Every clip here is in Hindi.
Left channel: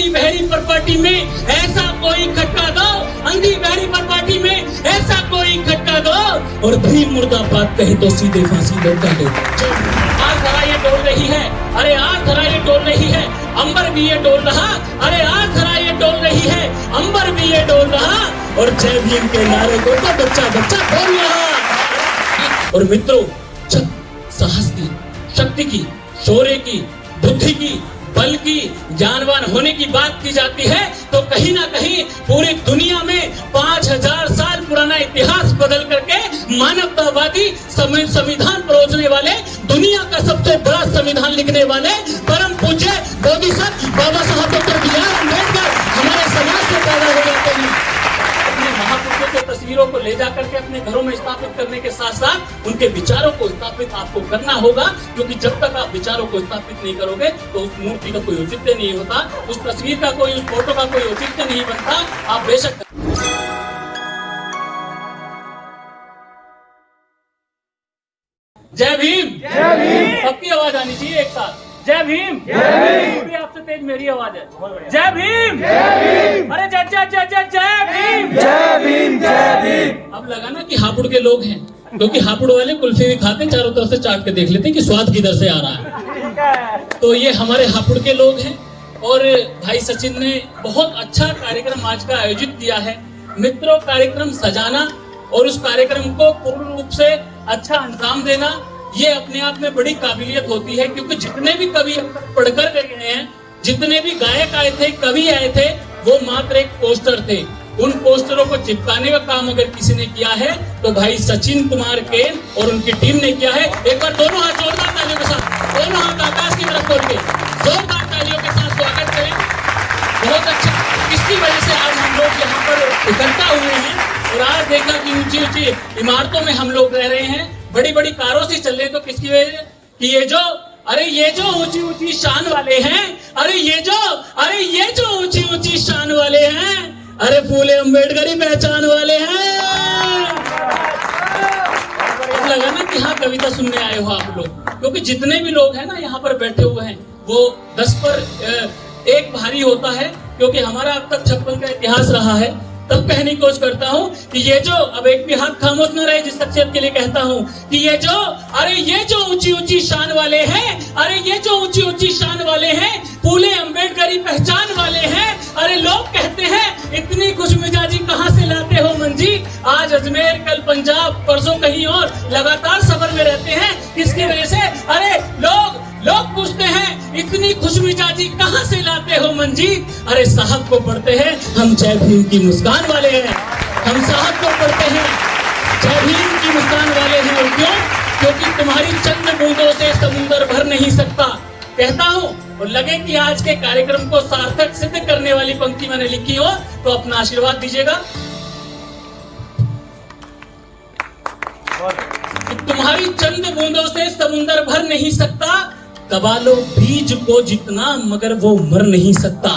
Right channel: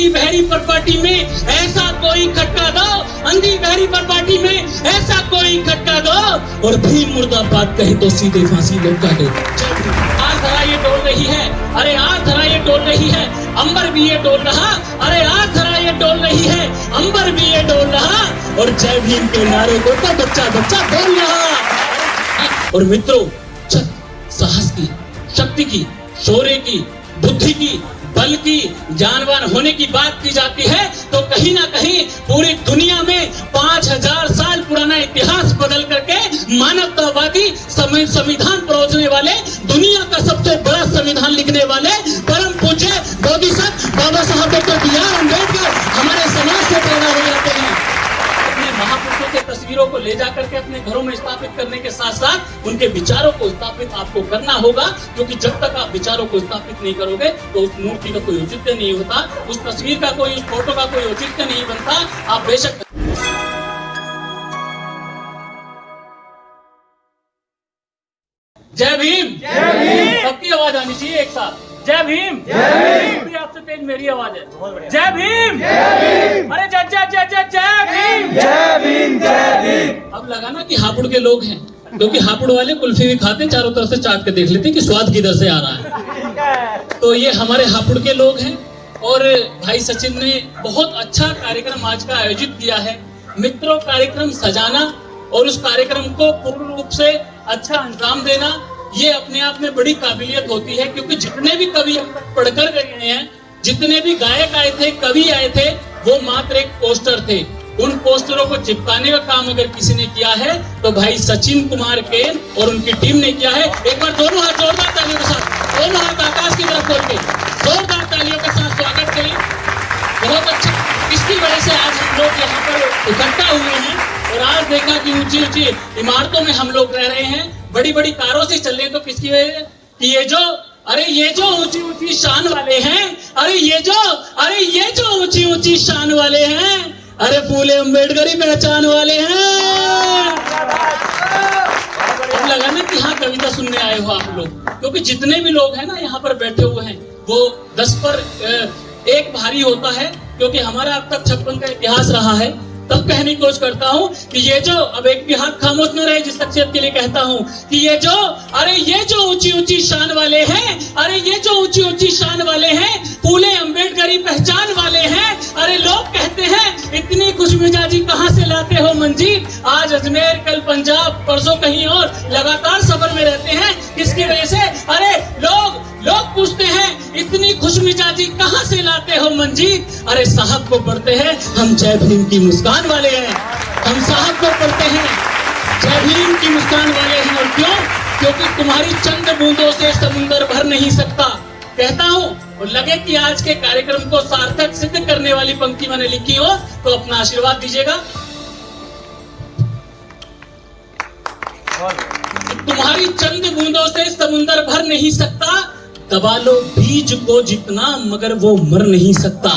अंधी बहरी पर पार्टी में ऐसा कोई खटका दो, अंधी बहरी पर पार्टी में ऐसा कोई खटका दो, और भीम मुर्दाबाद कहे तो सीधे फांसी लौटा दो। आज धरा ये डोल रही है, अरे आज धरा ये डोल रही है, अंबर भी ये डोल रहा, अरे आज धरा ये डोल रही है, अंबर भी ये डोल रहा, और जय भीम के नारे को तो बच्चा बच्चा बोल रहा। और मित्रों, जब साहस की, शक्ति की, शौर्य की, बुद्धि की, बल की, जानवान होने की बात की जाती है तो कहीं ना कहीं पूरी दुनिया में 5000 साल पुराना इतिहास बदल करके मानवतावादी संविधान परोसने वाले, दुनिया का सबसे बड़ा संविधान लिखने वाले परम पूज्य बोधिसत्व बाबा साहब डॉ.बी.आर. अम्बेडकर हमारे समाज से पैदा हो जाते हैं। अपने महापुरुषों के तस्वीरों को ले जाकर के अपने घरों में स्थापित करने के साथ साथ उनके विचारों को स्थापित आपको करना होगा, क्योंकि जब तक आप विचारों को स्थापित नहीं करोगे तो उस मूर्ति का कोई औचित्य नहीं होता, उस तस्वीर का कोई, उस फोटो का कोई औचित्य नहीं बनता। आप बेशक जय भीम, सबकी आवाज आनी चाहिए एक साथ। जय भीम, आपसे तेज मेरी आवाज है। जय भीम, अरे जय जय जय जय जय भीम, जय भीम, जय भीम। अब लगा ना कि हापुड़ के लोग हैं, क्योंकि हापुड़ वाले कुल्फी भी खाते, चारों तरफ से चाट के देख लेते हैं कि स्वाद किधर से आ रहा है। तो ये हमारे हापुड़ के लोग हैं। और भाई सचिन ने बहुत अच्छा कार्यक्रम आज का आयोजित किया है। मित्रों, कार्यक्रम सजाना और उस कार्यक्रम को पूर्ण रूप से अच्छा अंजाम देना, ये अपने आप में बड़ी काबिलियत होती है, क्योंकि जितने भी कवि हम तक पढ़कर गए हैं, जितने भी गायक आए थे, कवि आए थे, वो मात्र एक पोस्टर थे। उन पोस्टरों को चिपकाने का काम अगर किसी ने किया है तो भाई सचिन कुमार के और उनकी टीम ने किया है। एक बार दोनों हाथ जोरदार तालियों के साथ, दोनों हाथ आकाश की तरफ खोल के जोरदार तालियों के साथ स्वागत करें। बहुत अच्छा। इसकी वजह से आज हम लोग यहाँ पर इकट्ठा हुए हैं और आज देखा कि ऊंची ऊंची इमारतों में हम लोग रह रहे हैं, बड़ी बड़ी कारों से चल रहे हैं। तो किसकी वजह से? कि ये जो ऊंची ऊंची शान वाले हैं, अरे ये जो ऊंची ऊंची शान वाले हैं, अरे फूले अम्बेडकर ही पहचान वाले हैं। अब लगा ना कि हाँ कविता सुनने आए हो आप लोग, क्योंकि जितने भी लोग हैं ना यहाँ पर बैठे हुए हैं वो 10 पर 1 भारी होता है, क्योंकि हमारा अब तक 56 का इतिहास रहा है। तब कहने की कोशिश करता हूँ कि ये जो, अब एक भी हाथ खामोश न रहे जिस शख्सियत के लिए कहता हूँ कि ये जो ऊंची ऊंची शान वाले हैं, अरे ये जो ऊंची ऊंची शान वाले हैं, फूले अम्बेडकरी पहचान वाले हैं। अरे लोग कहते हैं इतनी खुशमिजाजी कहाँ से लाते हो मंजी, आज अजमेर, कल पंजाब, परसों कहीं और, लगातार सफर में रहते हैं। किसकी वजह से? अरे लोग पूछते हैं इतनी खुशमिजाजी कहाँ से लाते हो मंजी। अरे साहब को पढ़ते हैं हम जय भीम की मुस्कान वाले हैं, हम साहब को पढ़ते हैं जय भीम की मुस्कान वाले हैं। और क्यों? क्योंकि तुम्हारी चंद बूंदों से समुंदर भर नहीं सकता। कहता हूँ और लगे कि आज के कार्यक्रम को सार्थक सिद्ध करने वाली पंक्ति मैंने लिखी हो तो अपना आशीर्वाद दीजिएगा। तुम्हारी चंद बूंदों से समुंदर भर नहीं सकता, दबा लो बीज को जितना मगर वो मर नहीं सकता।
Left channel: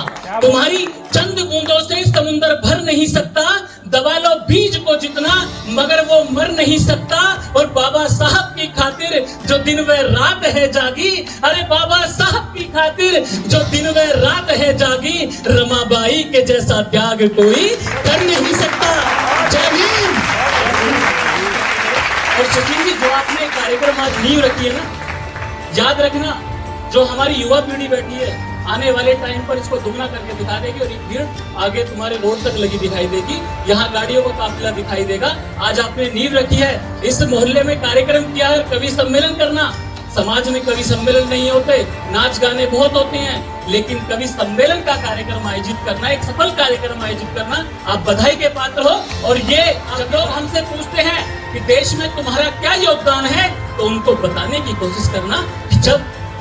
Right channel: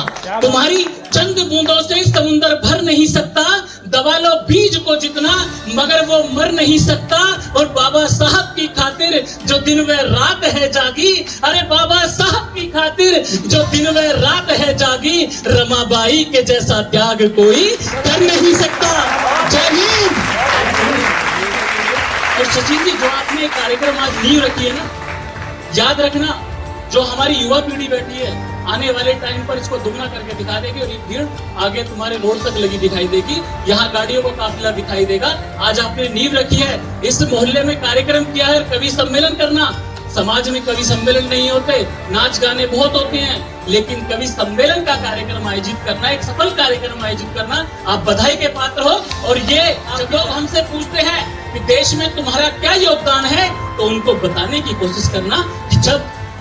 तुम्हारी चंद बूंदों से समुंदर भर नहीं सकता, दबा लो बीज को जितना मगर वो मर नहीं सकता। और बाबा साहब की खातिर जो दिन व रात है जागी, अरे बाबा साहब की खातिर जो दिन व रात है जागी, रमाबाई के जैसा त्याग कोई कर नहीं सकता। जय भीम। और सचिन जी, जो आपने कार्यक्रम आज नींव रखी है ना, याद रखना जो हमारी युवा पीढ़ी बैठी है आने वाले टाइम पर इसको दुगना करके दिखा देगी और ये भीड़ आगे तुम्हारे रोड तक लगी दिखाई देगी, यहाँ गाड़ियों का काफिला दिखाई देगा। आज आपने नींव रखी है, इस मोहल्ले में कार्यक्रम किया है, कवि सम्मेलन करना। समाज में कवि सम्मेलन नहीं होते, नाच गाने बहुत होते हैं, लेकिन कवि सम्मेलन का कार्यक्रम आयोजित करना, एक सफल कार्यक्रम आयोजित करना, आप बधाई के पात्र हो। और ये जब लोग हमसे पूछते हैं कि देश में तुम्हारा क्या योगदान है, तो उनको बताने की कोशिश करना कि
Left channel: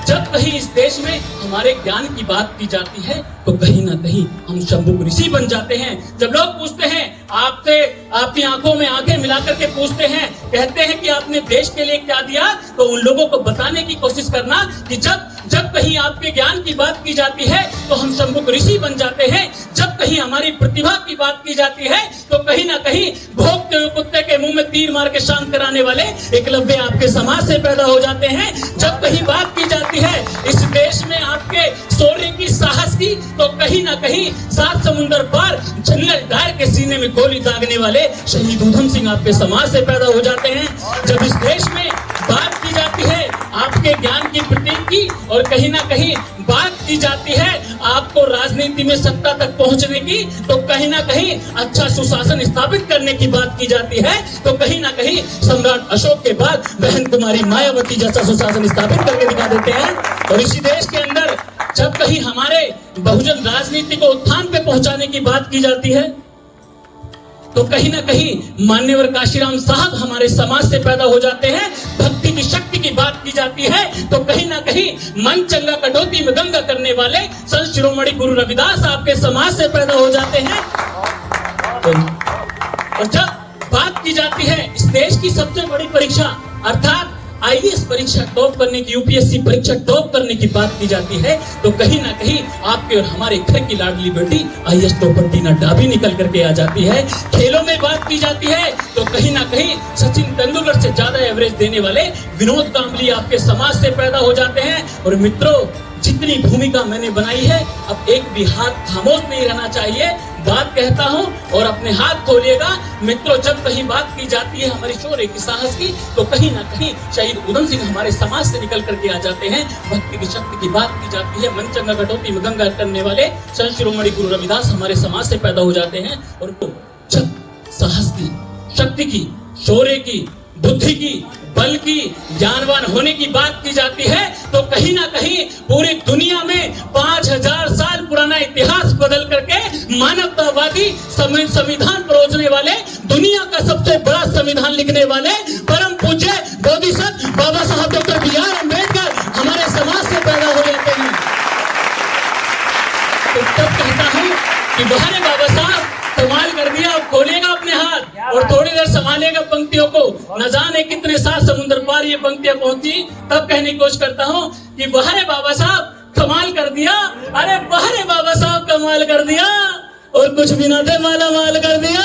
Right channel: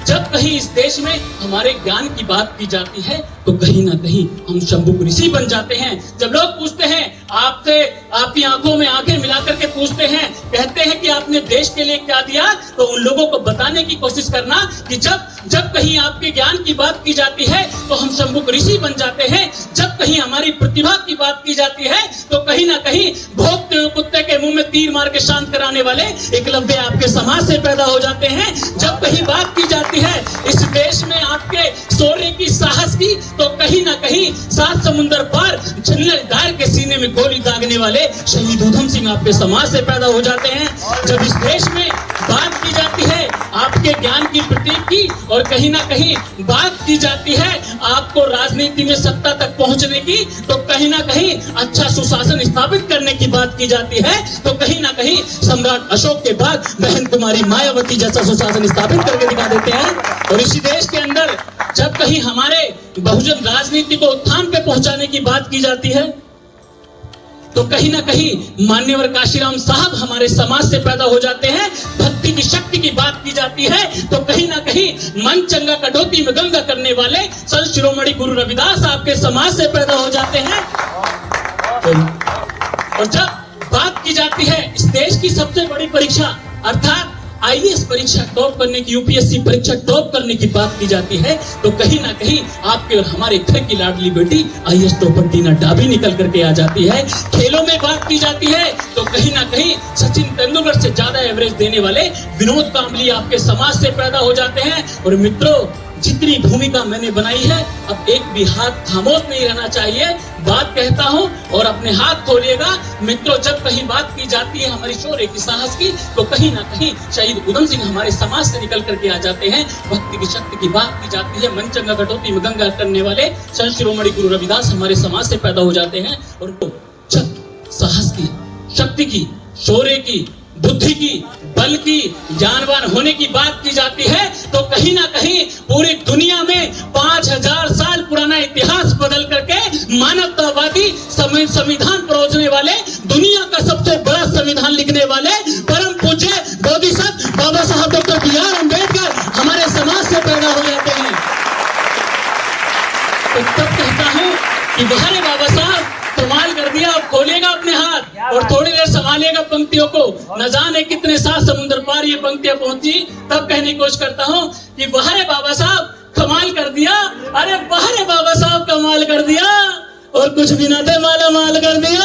जब कहीं इस देश में हमारे ज्ञान की बात की जाती है तो कहीं ना कहीं हम शंभुक ऋषि बन जाते हैं। जब लोग पूछते हैं आपसे, आपकी आंखों में आंखें मिलाकर के पूछते हैं, कहते हैं कि आपने देश के लिए क्या दिया, तो उन लोगों को बताने की कोशिश करना कि जब कहीं आपके ज्ञान की बात की जाती है तो हम शंभुक ऋषि बन जाते हैं। जब कहीं हमारी प्रतिभा की बात की जाती है तो कहीं ना कहीं भोगते हुए कुत्ते के मुंह में तीर मार के शांत कराने वाले एकलव्य आपके समाज से पैदा हो जाते हैं। जब कहीं बात की जाती है इस देश में आपके शौर्य की, साहस की, तो कहीं ना कहीं 7 समुंदर पार जंगल दार के सीने में गोली दागने वाले शहीद ऊधम सिंह आपके समाज से पैदा हो जाते हैं। जब इस देश में बात की जाती है आपके ज्ञान की, प्रतीक की, और कहीं ना कहीं बात की जाती है आपको राजनीति में सत्ता तक पहुंचने की, तो कहीं ना कहीं अच्छा सुशासन स्थापित करने की बात की जाती है, तो कहीं ना कहीं सम्राट अशोक के बाद बहन कुमारी मायावती जैसा सुशासन स्थापित करके दिखा देते हैं। और इसी देश के अंदर जब कहीं हमारे बहुजन राजनीति को उत्थान पे पहुंचाने की बात की जाती है, तो कहीं ना कहीं मान्यवर काशीराम साहब हमारे समाज से पैदा हो जाते हैं। भक्ति की शक्ति की बात की जाती है, तो कहीं ना कहीं मन चंगा कटौती में गंगा करने वाले संत शिरोमणि गुरु रविदास आपके समाज से पैदा हो जाते हैं। और जब बात की जाती है इस देश की सबसे बड़ी परीक्षा अर्थात आईएएस परीक्षा टॉप करने की, यूपीएससी परीक्षा टॉप करने की बात की जाती है, तो कहीं ना कहीं आपके और हमारे घर की लाडली बेटी आईएएस टॉपर टीना डाबी निकल करके आ जाती है। खेलों में बात की जाती है, तो कहीं ना कहीं सचिन तेंदुलकर से ज्यादा एवरेज देने वाले विनोद कांबली आपके समाज से पैदा हो जाते हैं। और मित्रों, जितनी भूमिका मैंने बनाई है, अब एक भी हाथ खामोश नहीं रहना चाहिए। बात कहता हूं और अपने हाथ खोलिएगा। मित्रों, जब कहीं बात की जाती है हमारी शौर्य की, साहस की, तो कहीं ना कहीं शहीद ऊधम सिंह हमारे समाज से निकल करके आ जाते हैं। भक्ति की शक्ति की बात की जाती है, मन चंगा कटौती में गंगा करने वाले संत शिरोमणि गुरु रविदास हमारे समाज से पैदा हो जाते हैं। और जब साहस की, शक्ति की, शौर्य की, बुद्धि की, बल की, ज्ञानवान होने की बात की जाती है, तो कहीं ना कहीं पूरी दुनिया में 5000 साल पुराना इतिहास बदल करके मानवतावादी संविधान परोसने वाले, दुनिया का सबसे बड़ा संविधान लिखने वाले परम पूज्य बोधिसत्व बाबा साहब डॉक्टर बी.आर. अम्बेडकर हमारे समाज से पैदा हो जाते हैं। तो तब कहता हूं कि बाहर बाबा साहब कमाल कर दिया। अब खोलेगा अपने हाथ और थोड़ी देर संभालेगा पंक्तियों को। न जाने कितने 7 समुद्र पार ये पंक्तियां पहुंची, तब कहने की कोशिश करता हूं कि बाहर बाबा साहब कमाल कर दिया। अरे बाहर बाबा साहब कमाल कर दिया, और कुछ भी न थे माला माल कर दिया।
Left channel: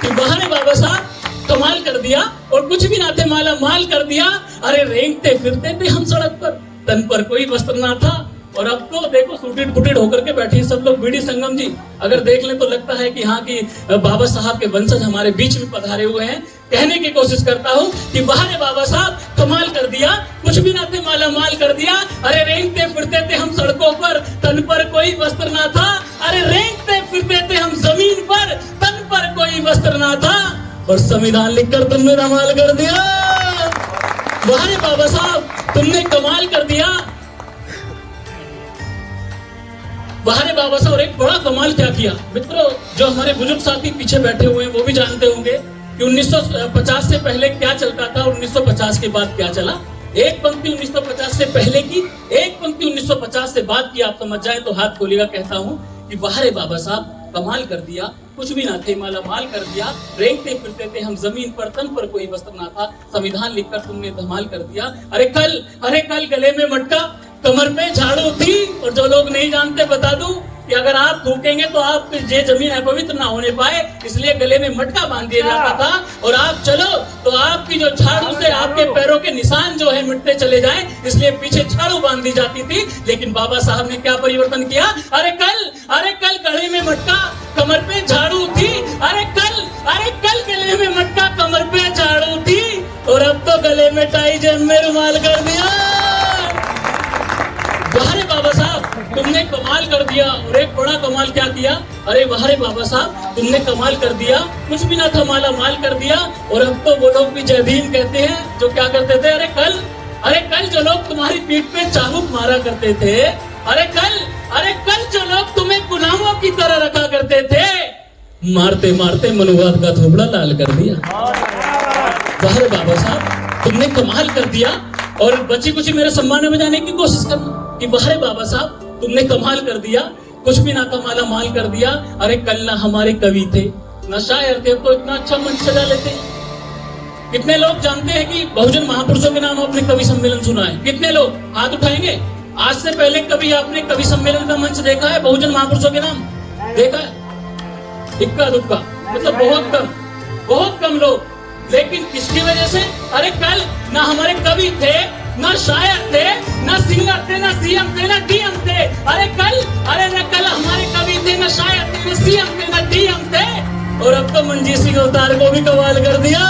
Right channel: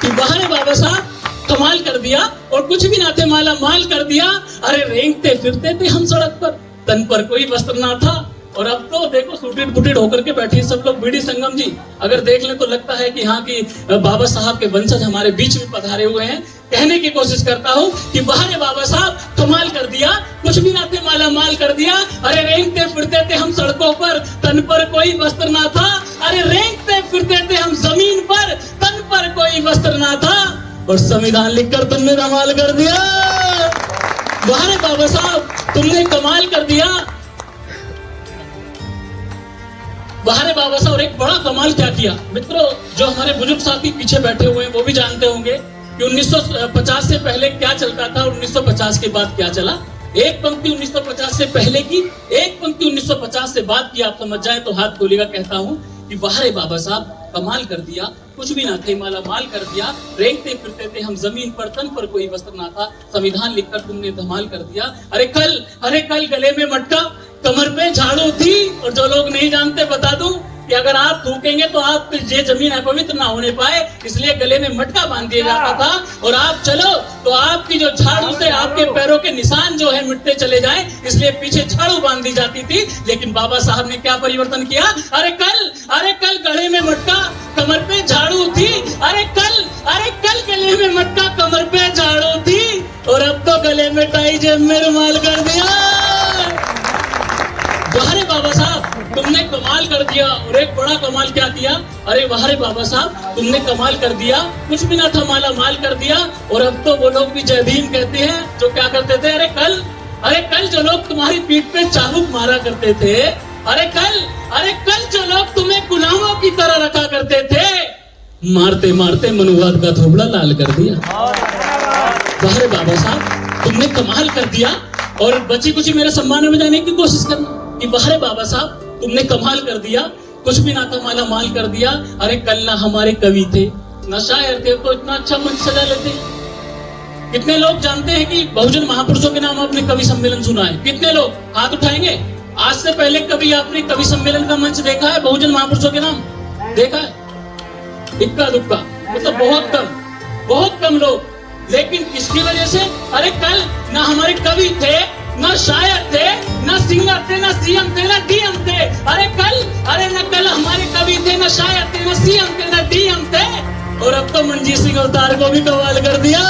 कि बाहर बाबा साहब कमाल कर दिया और कुछ भी ना थे माला माल कर दिया। अरे रेंगते फिरते थे हम सड़क पर, तन पर कोई वस्त्र ना था, और अब तो देखो सूटेड बुटेड होकर के बैठे सब लोग। बीडी संगम जी अगर देख लें तो लगता है कि हाँ की बाबा साहब के वंशज हमारे बीच में पधारे हुए हैं। कहने की कोशिश करता हूँ कि बाहर बाबा साहब कमाल कर दिया, कुछ भी ना थे माला माल कर दिया। अरे रेंगते फिरते थे हम सड़कों पर, तन पर कोई वस्त्र ना था। अरे रेंगते फिरते थे हम जमीन पर, तन पर कोई वस्त्र ना था, और संविधान लिखकर तुमने कमाल कर दिया। बाहर बाबा साहब तुमने कमाल कर दिया। बाहर बाबा साहब एक बड़ा कमाल क्या किया मित्रों, जो हमारे बुजुर्ग साथी पीछे बैठे हुए हैं वो भी जानते होंगे कि 1950 से पहले क्या चलता था और 1950 के बाद क्या चला। एक पंक्ति 1950 से पहले की, एक पंक्ति 1950 से बाद की, आप समझ जाए तो हाथ खोलेगा। कहता हूँ कि बाहर बाबा साहब कमाल कर दिया, कुछ भी ना थे माला माल कर दिया। रेंगते फिरते थे हम जमीन पर, तन पर कोई वस्त्र ना था, संविधान लिखकर तुमने धमाल कर दिया। अरे कल गले में मटका, कमर पे झाड़ू थी। और जो लोग नहीं जानते बता दूं कि अगर आप थूकेंगे तो आप ये जमीन अपवित्र ना होने पाए, इसलिए गले में मटका बांध दिया जाता था। और आप चलो तो आपकी जो झाड़ू से आपके पैरों के निशान जो है मिटते चले जाए, इसलिए पीछे झाड़ू बांध दी जाती थी। लेकिन बाबा साहब ने क्या परिवर्तन किया? अरे कल गले में मटका, कमर पे झाड़ू थी। अरे कल गले में मटका, कमर पे झाड़ू थी, और अब तो गले में टाई जेब में रुमाल कर दिया। बाहर बाबा साहब तुमने कमाल कर दिया। और एक बड़ा कमाल क्या किया? अरे बाहर बाबा साहब तुमने कमाल कर दिया, कुछ भी ना था माला माल कर दिया। और अब तो वो लोग भी जय भीम कहते हैं जो क्या करते थे। अरे कल जो लोग तुम्हारी पीठ पे चाबुक मारा करते थे, अरे कल जो लोग तुम्हें गुलामों की तरह रखा करते थे, मारते मारते मनुवाद का थोबड़ा लाल कर दिया। बाहर बाबा साहब तुमने कमाल कर दिया। और बची कुछ मेरे सम्मान में जाने की कोशिश करना कि बाहर बाबा साहब तुमने कमाल कर दिया, कुछ भी ना था माला माल कर दिया। अरे कल ना हमारे कवि थे, ना शायर थे, तो इतना अच्छा मंच सजा लेते। कितने लोग जानते हैं कि बहुजन महापुरुषों के नाम आपने कवि सम्मेलन सुना है? कितने लोग हाथ उठाएंगे? आज से पहले कभी आपने कवि सम्मेलन का मंच देखा है? बहुजन महापुरुषों के नाम देखा है? इक्का दुक्का, मतलब बहुत कम लोग। लेकिन किसकी वजह से? अरे कल ना हमारे कवि थे, न शायद थे, न सिंगर थे, न सीएम थे, न डीएम थे। अरे कल हमारे कवि थे, न शायद थे, न सीएम थे, न डीएम थे। और अब तो मंजीत सिंह अवतार को भी कमाल कर दिया।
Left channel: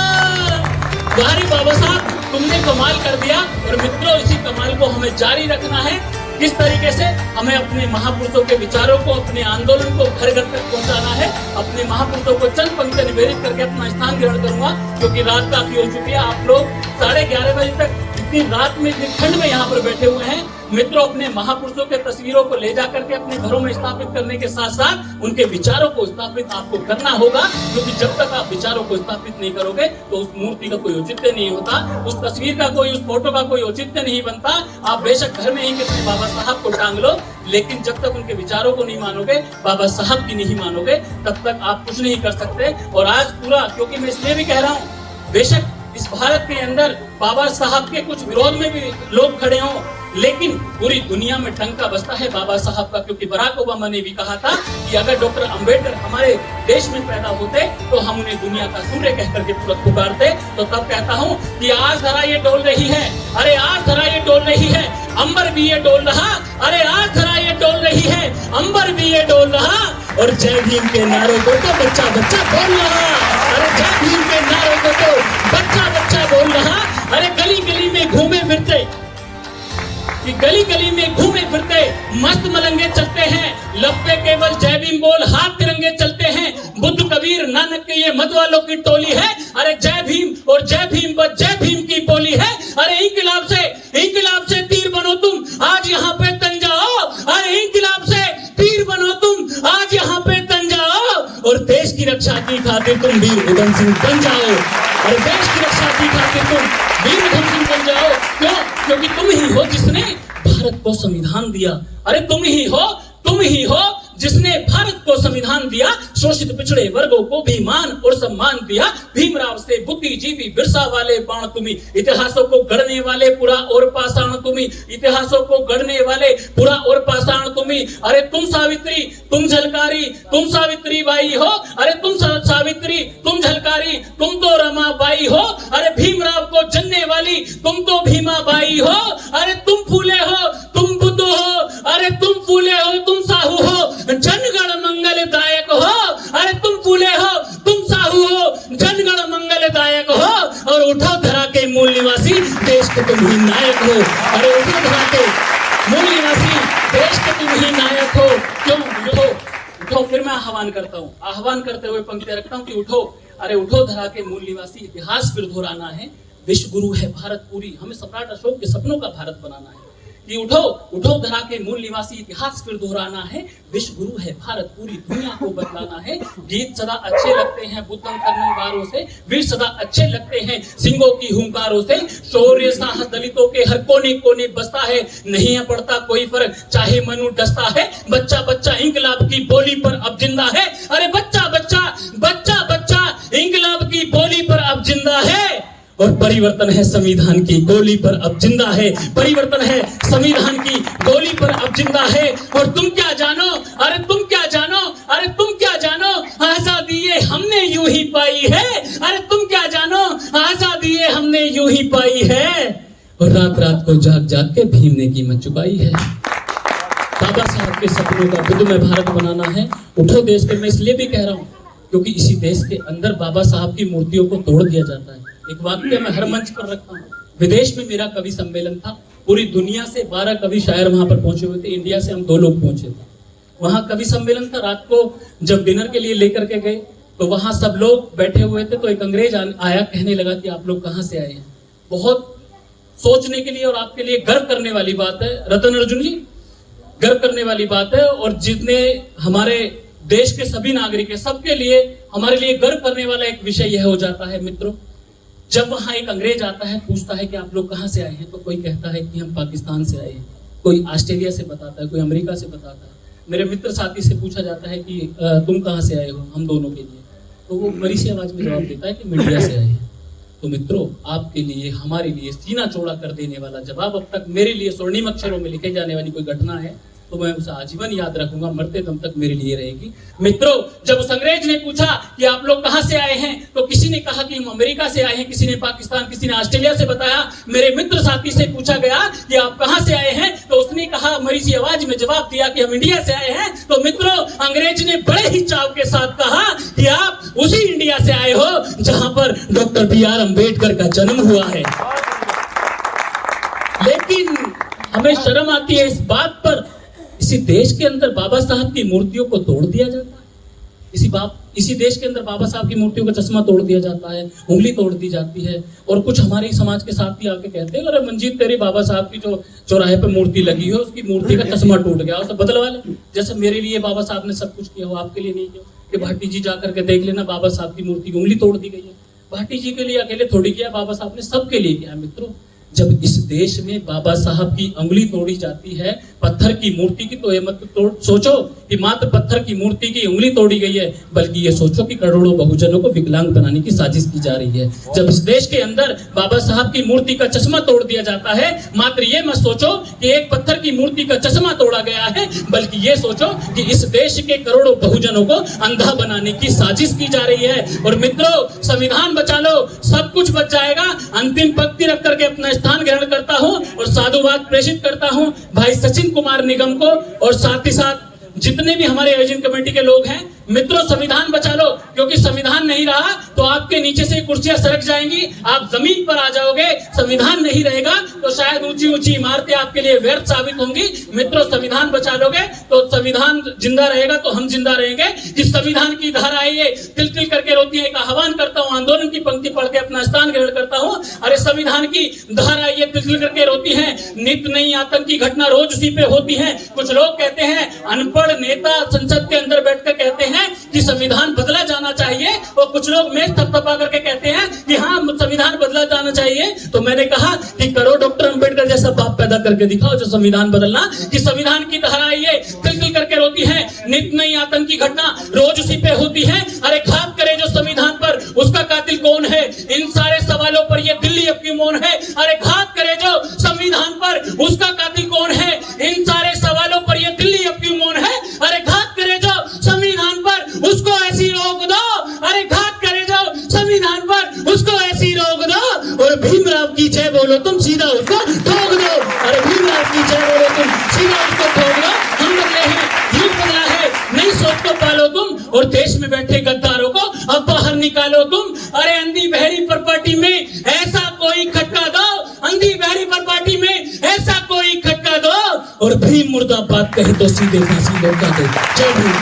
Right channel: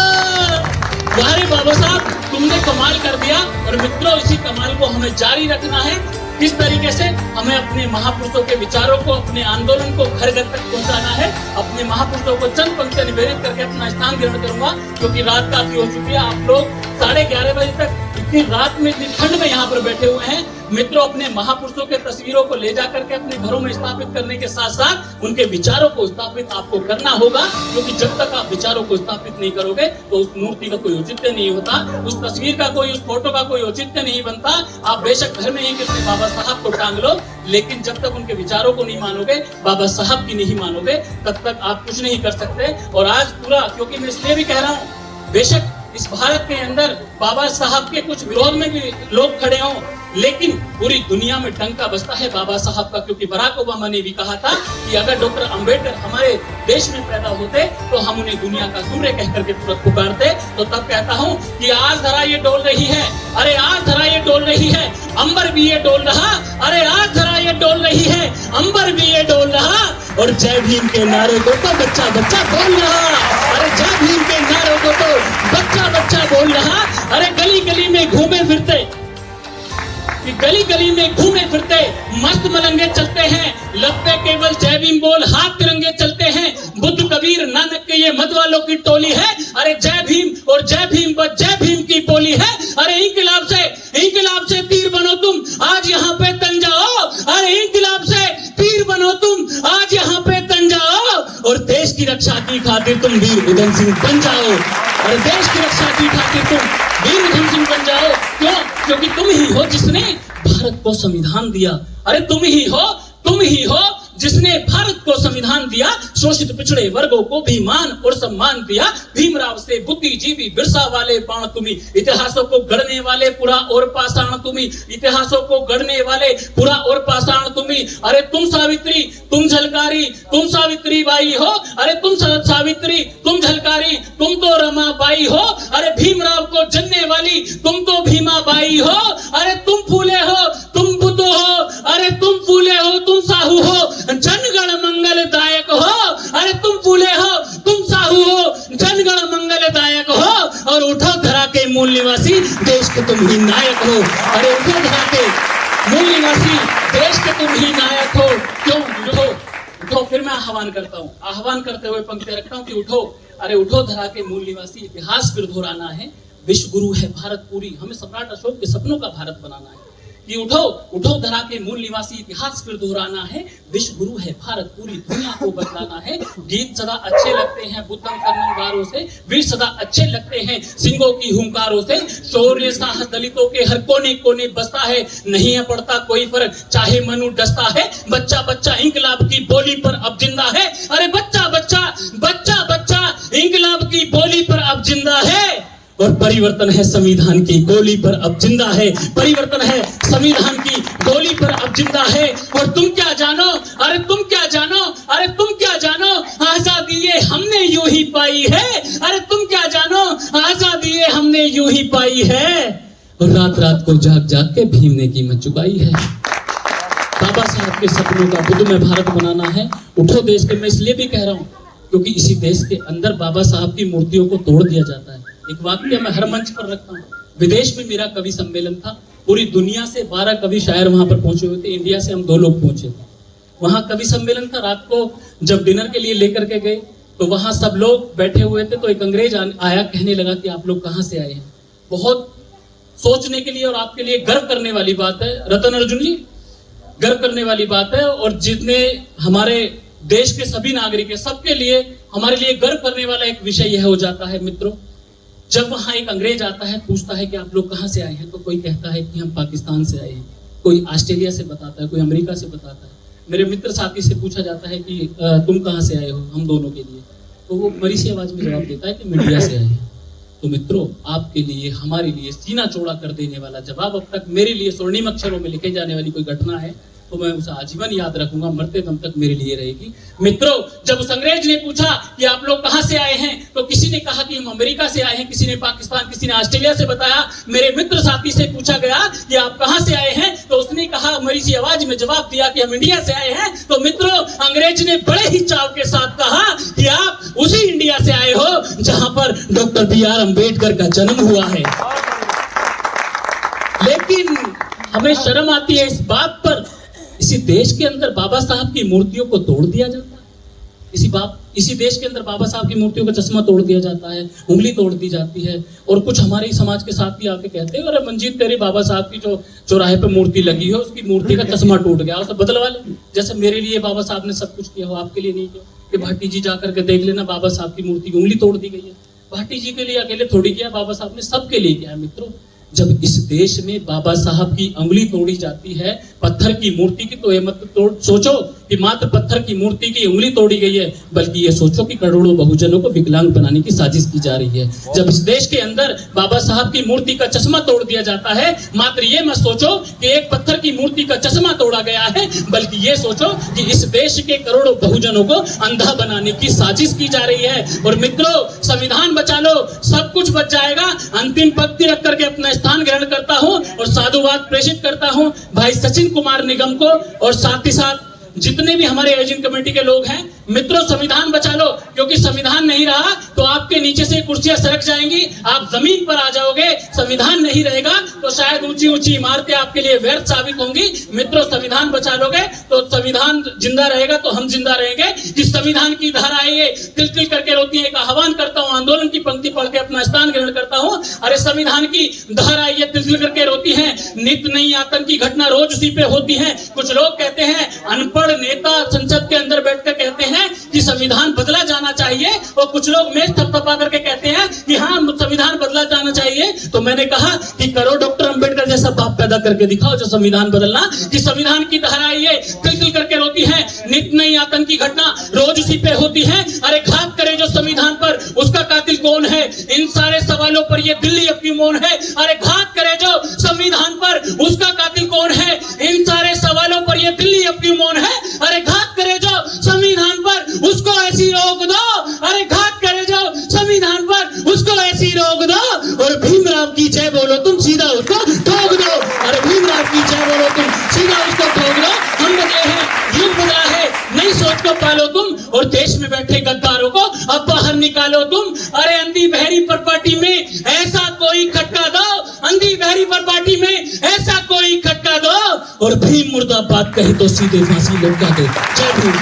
यारे बाबा साहब, तुमने कमाल कर दिया। और मित्रों, इसी कमाल को हमें जारी रखना है। किस तरीके से हमें अपने महापुरुषों के विचारों को, अपने आंदोलन को घर घर तक पहुंचाना है। अपने महापुरुषों को चंद पंक्तियां निवेदित करके अपना स्थान ग्रहण करूंगा, क्योंकि रात काफी हो चुकी है। आप लोग 11:30 बजे तक इतनी रात में, इतनी ठंड में यहाँ पर बैठे हुए हैं। मित्रों, अपने महापुरुषों के तस्वीरों को ले जा करके अपने घरों में स्थापित करने के साथ साथ उनके विचारों को स्थापित आपको करना होगा, क्योंकि जब तक आप विचारों को स्थापित नहीं करोगे तो उस मूर्ति का कोई औचित्य नहीं होता, उस तस्वीर का कोई, उस फोटो का कोई औचित्य नहीं बनता। आप बेशक घर में ही किसी बाबा साहब को टांग लो, लेकिन जब तक उनके विचारों को नहीं मानोगे, बाबा साहब की नहीं मानोगे, तब तक आप कुछ नहीं कर सकते। और आज पूरा, क्योंकि मैं इसलिए भी कह रहा हूँ, बेशक इस भारत के अंदर बाबा साहब के कुछ विरोध में भी लोग खड़े हों, लेकिन पूरी दुनिया में डंका बजता है बाबा साहब का, क्योंकि बराक ओबामा ने भी कहा था कि अगर डॉक्टर अंबेडकर हमारे देश में पैदा होते तो हम उन्हें दुनिया का सूर्य कह करके तुरंत पुकारते। तो तब कहता हूँ कि आज धरा ये डोल रही है, अरे आज धरा ये डोल रही है, अंबर भी ये डोल रहा, अरे आज धरा ये डोल रही है, अंबर भी ये डोल रहा। और जय भीम के नारे को तो बच्चा बच्चा बोल रहा, अरे जय भीम के नारे को तो बच्चा बच्चा बोल रहा। अरे गली गली में घूमे फिरते, कि गली गली में घूमे फिरते मस्त मलंगे चलते हैं, लब पे केवल जय भीम बोल, हाथ तिरंगे चलते हैं। बुद्ध कबीर नानक के ये मत वालों की टोली है, अरे जय भीम और जय भीम बस जय भीम की बोली है। अरे इंकलाब से तीर बनो तुम, आज यहाँ पे तन जाओ, अरे इंकलाब से तीर बनो तुम, आज यहाँ पे तन जाओ। और देश की रक्षा की खातिर तुम वीर उधम सिंह बन जाओ, और देश की रक्षा की खातिर तुम वीर उधम सिंह बन जाओ। क्यों? क्योंकि तुम ही हो जिसने भारत को संविधान दिया। अरे तुम ही हो जिसने भारत को संविधान दिया, शोषित पिछड़े वर्गों को भी मान और सम्मान दिया। भीमराव से बुद्धिजीवी बिरसा वाले बाण तुम्ही, इतिहासों को गढ़ने वाले पुरा और पाषाण तुम्ही, इतिहासों को गढ़ने वाले पुरा और पाषाण तुम्ही। अरे तुम सावित्री, तुम झलकारी, तुम सावित्री बाई हो, अरे तुम सावित्री, तुम झलकारी, तुम तो रमा बाई हो। अरे भीमराव को जनने वाली तुम तो भीमा बाई हो। अरे तुम फूले हो, तुम बुद्ध हो, अरे तुम फूले हो, तुम साहू हो, जनगण मंगलदायक हो। अरे तुम फूले हो, तुम साहू हो, जनगण मंगलदायक हो। और उठो धरा के मूल निवासी, देश के तुम ही नायक हो। अरे उठो धरा के मूल निवासी, देश के तुम ही नायक हो। क्यों? उठो। फिर मैं आह्वान करता हूँ, आह्वान करते हुए पंक्तियां रखता हूँ कि उठो, अरे उठो धरा के मूल निवासी, इतिहास फिर दोहराना है, विश्व गुरु है भारत पूरी, हमें सम्राट अशोक के सपनों का भारत बनाना है। कि उठो धरा के मूल निवासी, इतिहास फिर दोहराना है, विश्व गुरु है भारत पूरी दुनिया को बदलाना है। गीत सदा अच्छे लगते हैं बुद्धम कर्णवारों से, वीर सदा अच्छे लगते हैं सिंहों की हुंकारों से। शौर्य साहस दलितों के हर कोने कोने बसता है, नहीं है पड़ता कोई फर्क चाहे मनु डसता है। बच्चा बच्चा इंकलाब की बोली पर अब जिंदा है, अरे बच्चा बच्चा इंकलाब की बोली पर अब जिंदा है। और परिवर्तन है संविधान की गोली पर अब जिंदा है, परिवर्तन है संविधान की गोली पर अब जिंदा है। और तुम क्या जानो, अरे तुम क्या जानो, अरे तुम क्या जानो, आजादी ये हमने यूं ही पाई है। अरे तुम क्या जानो, आजादी ये हमने यूं ही पाई है। और रात रात को जाग जाग के भीम ने कीमत चुकाई है। बाबा साहब के सपनों का बुद्ध में भारत बनाना है। उठो देश के, मैं इसलिए भी कह रहा हूँ क्योंकि इसी देश के अंदर बाबा साहब की मूर्तियों को तोड़ दिया जाता है। एक वाक्य मैं हर मंच पर रखता हूँ। विदेश में मेरा कवि सम्मेलन था, पूरी दुनिया से 12 कवि शायर वहां पर पहुंचे हुए थे, इंडिया से हम 2 लोग पहुंचे थे। वहां कवि सम्मेलन था, रात को जब डिनर के लिए लेकर के गए तो वहां सब लोग बैठे हुए थे, तो एक अंग्रेज आया, कहने लगा कि आप लोग कहाँ से आए हैं। बहुत सोचने के लिए और आपके लिए गर्व करने वाली बात है रतन अर्जुन जी, गर्व करने वाली बात है। और जितने हमारे देश के सभी नागरिक है, सबके लिए, हमारे लिए गर्व करने वाला एक विषय यह हो जाता है मित्रों, जब वहां एक अंग्रेज आता है, पूछता है कि आप लोग कहां से आए हैं, तो कोई कहता है कि हम पाकिस्तान से आए हैं, कोई ऑस्ट्रेलिया से बताता है, कोई अमेरिका से बताता है। मेरे मित्र साथी से पूछा जाता है कि तुम कहां से आए हो, हम दोनों के लिए, तो वो मरी सी आवाज में जवाब देता है कि मैं इंडिया से आए हैं। तो मित्रों, आपके लिए, हमारे लिए सीना चौड़ा कर देने वाला जवाब अब तक मेरे लिए स्वर्णिम अक्षरों में लिखे जाने वाली कोई घटना है तो मैं उसे आजीवन याद रखूंगा, मरते दम तक मेरे लिए रहेगी। मित्रों, जब उस अंग्रेज ने पूछा कि आप लोग कहां से आए हैं, तो किसी ने कहा कि हम अमेरिका से आए हैं, किसी ने पाकिस्तान, किसी ने ऑस्ट्रेलिया से बताया। मेरे मित्र साथी से पूछा गया कि आप कहां से आए हैं, तो उसने कहा मरी सी आवाज में जवाब दिया कि हम इंडिया से आए हैं। तो मित्रों, अंग्रेज ने बड़े ही चाव के साथ कहा कि आप उसी इंडिया से आए हो जहां पर डॉक्टर बी.आर. अम्बेडकर का जन्म हुआ है। लेकिन हमें शर्म आती है इस बात पर, इसी देश के अंदर बाबा साहब की मूर्तियों को तोड़ दिया जाता है। इसी देश के अंदर बाबा साहब की मूर्तियों का चश्मा तोड़ दिया जाता है, उंगली तोड़ दी जाती है। और कुछ हमारे समाज के साथी आके कहते हैं, अरे मंजीत, तेरे बाबा साहब की जो चौराहे पे मूर्ति लगी है, उसकी मूर्ति का चश्मा टूट गया, उसे बदलवा ले। जैसे मेरे लिए बाबा साहब ने सब कुछ किया हो, आपके लिए नहीं किया कि भाटी जी जाकर के देख लेना, बाबा साहब की मूर्ति की उंगली तोड़ दी गई है। भाटी जी के लिए अकेले थोड़ी किया, बाबा साहब ने सबके लिए किया। मित्रों, जब इस देश में बाबा साहब की उंगली तोड़ी जाती है पत्थर की मूर्ति की, तो ये मत सोचो कि मात्र पत्थर की मूर्ति की उंगली तोड़ी गई है, बल्कि ये सोचो कि करोड़ों बहुजनों को विकलांग बनाने की साजिश की जा रही है। जब इस देश के अंदर बाबा साहब की मूर्ति का चश्मा तोड़ दिया जाता है, मात्र ये मत सोचो कि एक पत्थर की मूर्ति का चश्मा तोड़ा गया है, बल्कि ये सोचो कि इस देश के करोड़ों बहुजनों को अंधा बनाने की साजिश की जा रही है। और मित्रों, संविधान बचा लो, सब कुछ बच जाएगा। अंतिम पंक्ति रख करके अपना स्थान ग्रहण करता हूं और साधुवाद प्रेषित करता हूं भाई सचिन कुमार निगम को, और साथ ही साथ जितने भी हमारे आयोजन कमेटी के लोग हैं। मित्रों, संविधान बचा लो, क्योंकि संविधान नहीं रहा तो आपके नीचे से कुर्सियां सरक जाएंगी, आप जमीन पर आ जाओगे। संविधान नहीं रहेगा तो शायद ऊंची ऊंची इमारतें आपके लिए व्यर्थ साबित होंगी। मित्रों, संविधान बचा लोगे तो संविधान जिंदा रहेगा, तो हम जिंदा रहेंगे। इस संविधान की धारा ये तिल तिल करके रोती है। एक आह्वान करता हूं, आंदोलन की पंक्ति पढ़ के अपना स्थान ग्रहण करता हूं। अरे संविधान की धारा ये तिल तिल करके रोती है, नित्य नई आतंकी घटना रोज उसी पे होती है। कुछ लोग कहते हैं, अनपढ़ नेता संसद के अंदर बैठकर कहते हैं कि संविधान बदला जाना चाहिए, और कुछ लोग मेज थपथपा करके कहते हैं कि हाँ, संविधान बदला जाना चाहिए। तो मैंने कहा कि करो डॉक्टर अंबेडकर जैसा बाप पैदा करके दिखाओ जो संविधान बदलना। कि संविधान की धारा ये तिल तिल करके रोती है, नित्य नई आतंकी घटना रोज उसी पे होती है। अरे घात करे जो संविधान पर, उसका कातिल कौन है? इन सारे सवालों पर ये दिल्ली अब क्यों मौन है? अरे घात करे जो संविधान पर, उसका कातिल कौन है? इन सारे सवालों पर ये दिल्ली अब क्यों मौन है? अरे घात करे जो संविधान पर, उसको ऐसी रोक दो। अरे घात करे जो संविधान पर, उसको ऐसी रोक दो। और भीमराव की जय बोलो तुम, सीधा उसको ठोक दो। अरे भीमराव की जय बोलो तुम, सीधा उसको ठोक दो। हम बदले हैं, युग बदला है, नई सोच को पालो तुम, और देश में बैठे गद्दारों को अब बाहर निकालो तुम। अरे अंधी बहरी पर पार्टी में ऐसा कोई खटका दो, अंधी बहरी पर पार्टी में ऐसा कोई खटका दो, और भीम मुर्दाबाद कहे तो सीधे फांसी लौटा दो। जय भीम।